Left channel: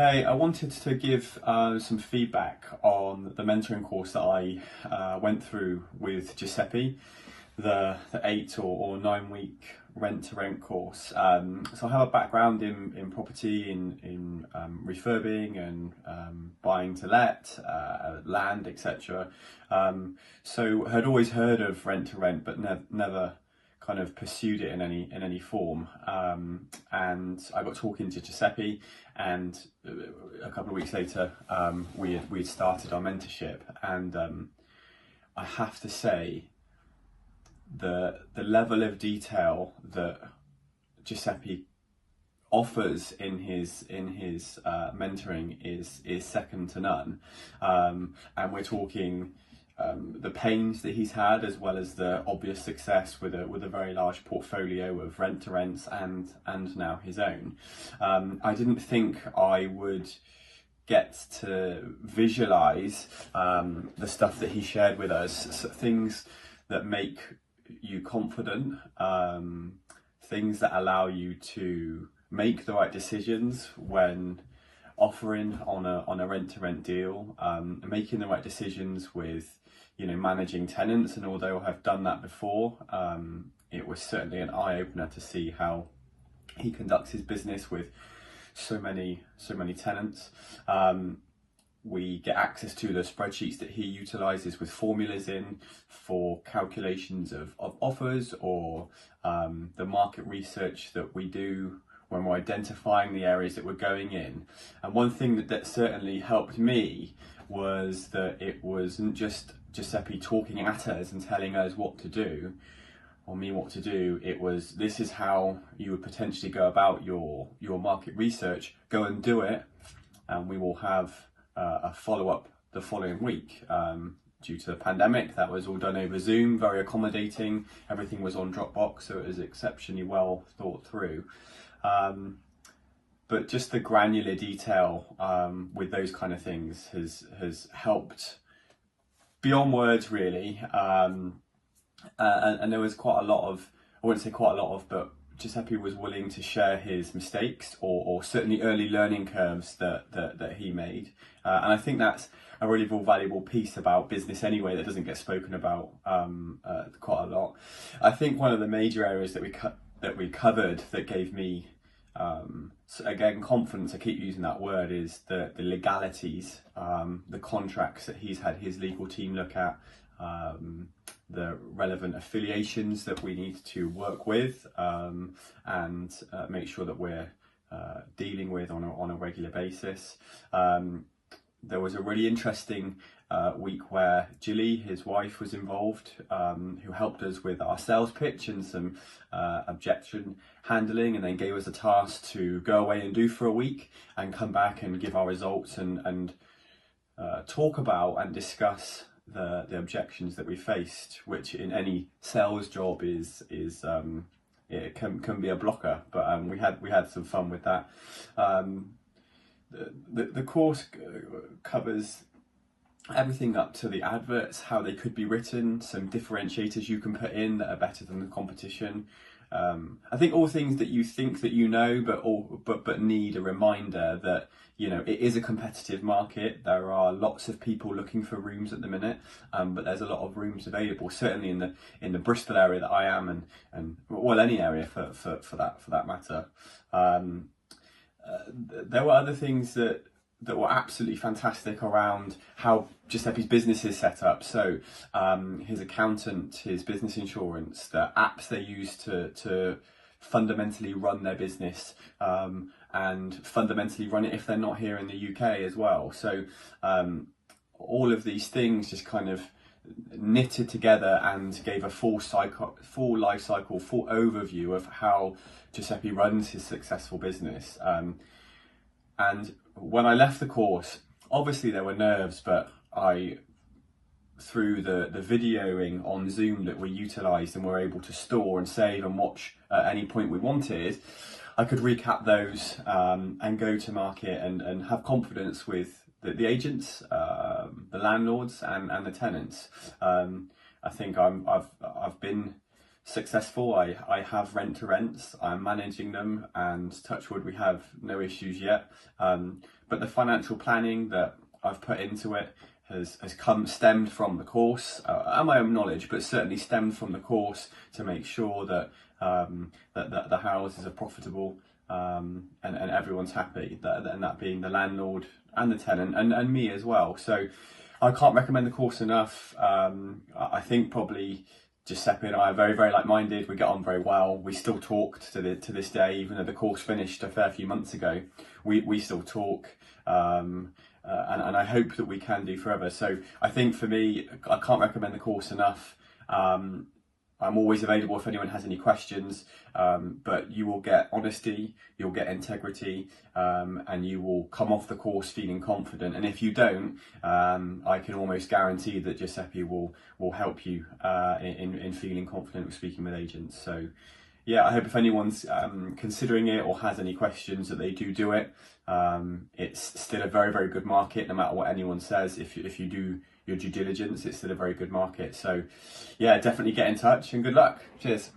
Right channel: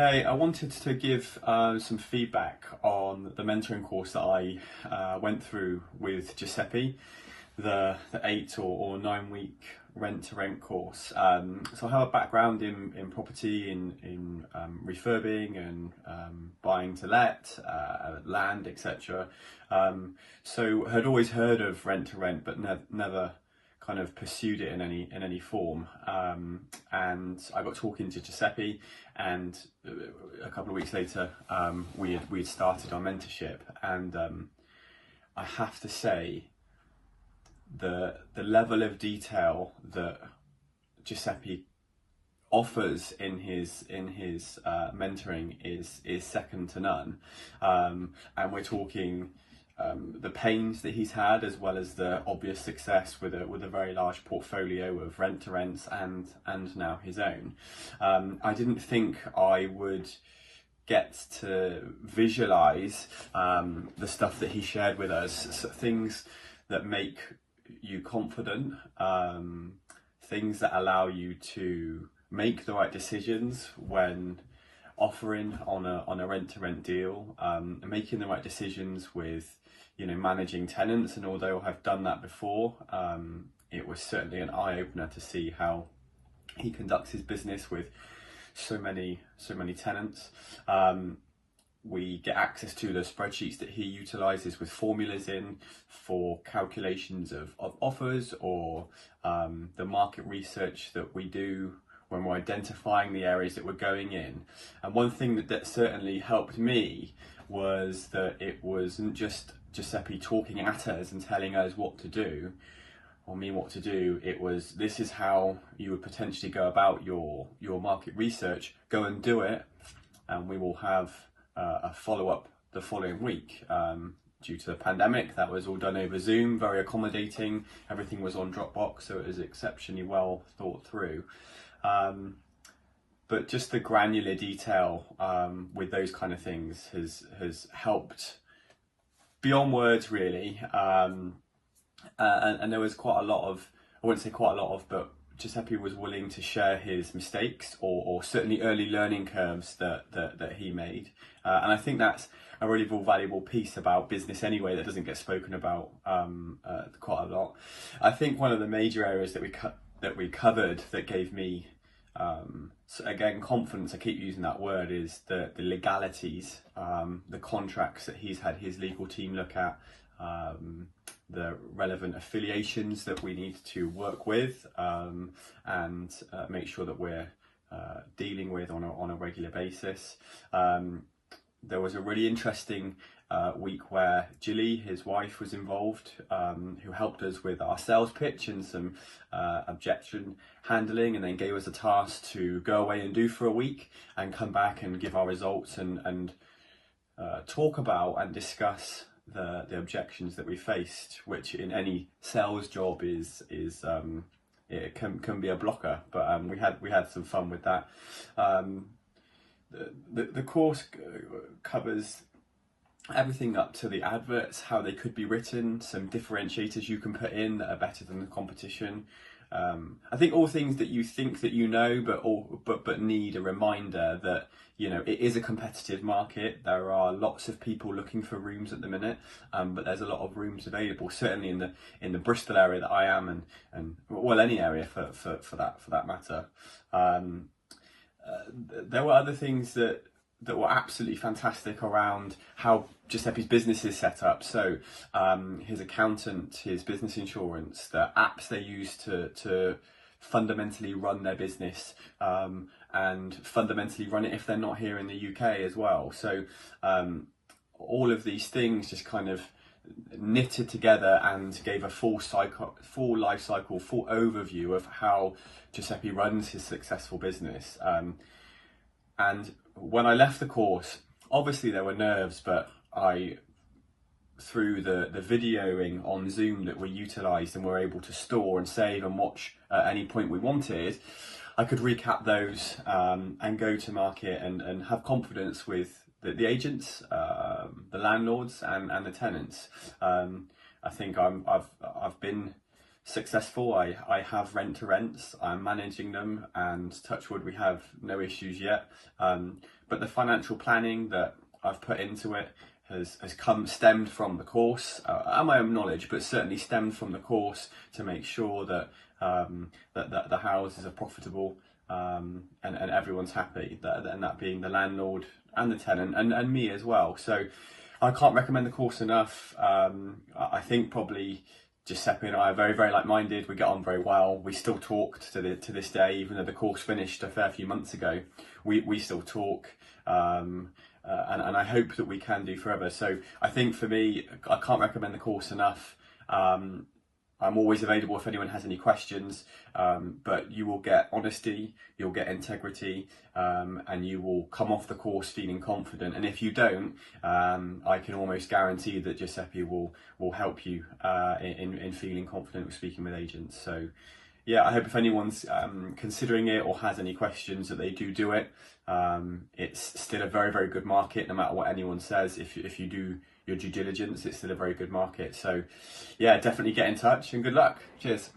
Hey, I wanted to give some feedback on the mentoring course that I went through with Giuseppe, the 8 or 9 week rent-to-rent course. So I have a background in property, in refurbing and buying to let, land, etc. So had always heard of rent-to-rent, but never kind of pursued it in any form. And I got talking to Giuseppe, and a couple of weeks later we had started our mentorship, and I have to say the level of detail that Giuseppe offers in his mentoring is second to none, and we're talking the pains that he's had, as well as the obvious success with a very large portfolio of rent-to-rents and now his own. I didn't think I would get to visualize the stuff that he shared with us, so things that make you confident, things that allow you to make the right decisions when offering on a rent-to-rent deal, making the right decisions with managing tenants. And although I've done that before, it was certainly an eye-opener to see how he conducts his business with so many tenants. We get access to the spreadsheets that he utilizes with formulas in for calculations of offers, or the market research that we do when we're identifying the areas that we're going in. And one thing that certainly helped me was that it wasn't just Giuseppe talking at us and telling us what to do, or me what to do. It was, this is how you would potentially go about your market research. Go and do it, and we will have a follow-up the following week. Due to the pandemic, that was all done over Zoom, very accommodating. Everything was on Dropbox, so it was exceptionally well thought through. But just the granular detail with those kind of things has helped beyond words, really. And there was quite a lot of, I wouldn't say quite a lot of, but Giuseppe was willing to share his mistakes, or certainly early learning curves that he made. And I think that's a really valuable piece about business anyway, that doesn't get spoken about quite a lot. I think one of the major areas that we covered that gave me, so again, confidence, I keep using that word, is the legalities, the contracts that he's had his legal team look at, the relevant affiliations that we need to work with, and make sure that we're dealing with on a regular basis. There was a really interesting week where Jilly, his wife, was involved, who helped us with our sales pitch and some objection handling, and then gave us a task to go away and do for a week and come back and give our results and talk about and discuss the objections that we faced, which in any sales job is it can be a blocker. But we had some fun with that. The course covers everything up to the adverts, how they could be written, some differentiators you can put in that are better than the competition. I think all things that you think that you know, but need a reminder that it is a competitive market. There are lots of people looking for rooms at the minute, but there's a lot of rooms available. Certainly in the Bristol area that I am, and well, any area for that matter. There were other things that were absolutely fantastic around how Giuseppe's business is set up. So his accountant, his business insurance, the apps they use to fundamentally run their business, and fundamentally run it if they're not here in the UK as well. So all of these things just kind of knitted together and gave a full life cycle, full overview of how Giuseppe runs his successful business. And when I left the course, obviously there were nerves, but through the videoing on Zoom that we utilised and were able to store and save and watch at any point we wanted, I could recap those and go to market and have confidence with the agents, the landlords, and the tenants. I think I've been successful. I have rent-to-rents, I'm managing them, and touch wood, we have no issues yet. but the financial planning that I've put into it has stemmed from the course and my own knowledge, but certainly stemmed from the course to make sure that that the houses are profitable and everyone's happy, and that being the landlord and the tenant and me as well. So I can't recommend the course enough. I think probably Giuseppe and I are very, very like-minded. We get on very well. We still talk to this day, even though the course finished a fair few months ago. We still talk, and I hope that we can do forever. So I think for me, I can't recommend the course enough. I'm always available if anyone has any questions, but you will get honesty, you'll get integrity, and you will come off the course feeling confident. And if you don't, I can almost guarantee that Giuseppe will help you in feeling confident with speaking with agents. So yeah, I hope if anyone's considering it or has any questions, that they do it. It's still a very, very good market, no matter what anyone says. If you do your due diligence, it's still a very good market. So yeah, definitely get in touch and good luck. Cheers.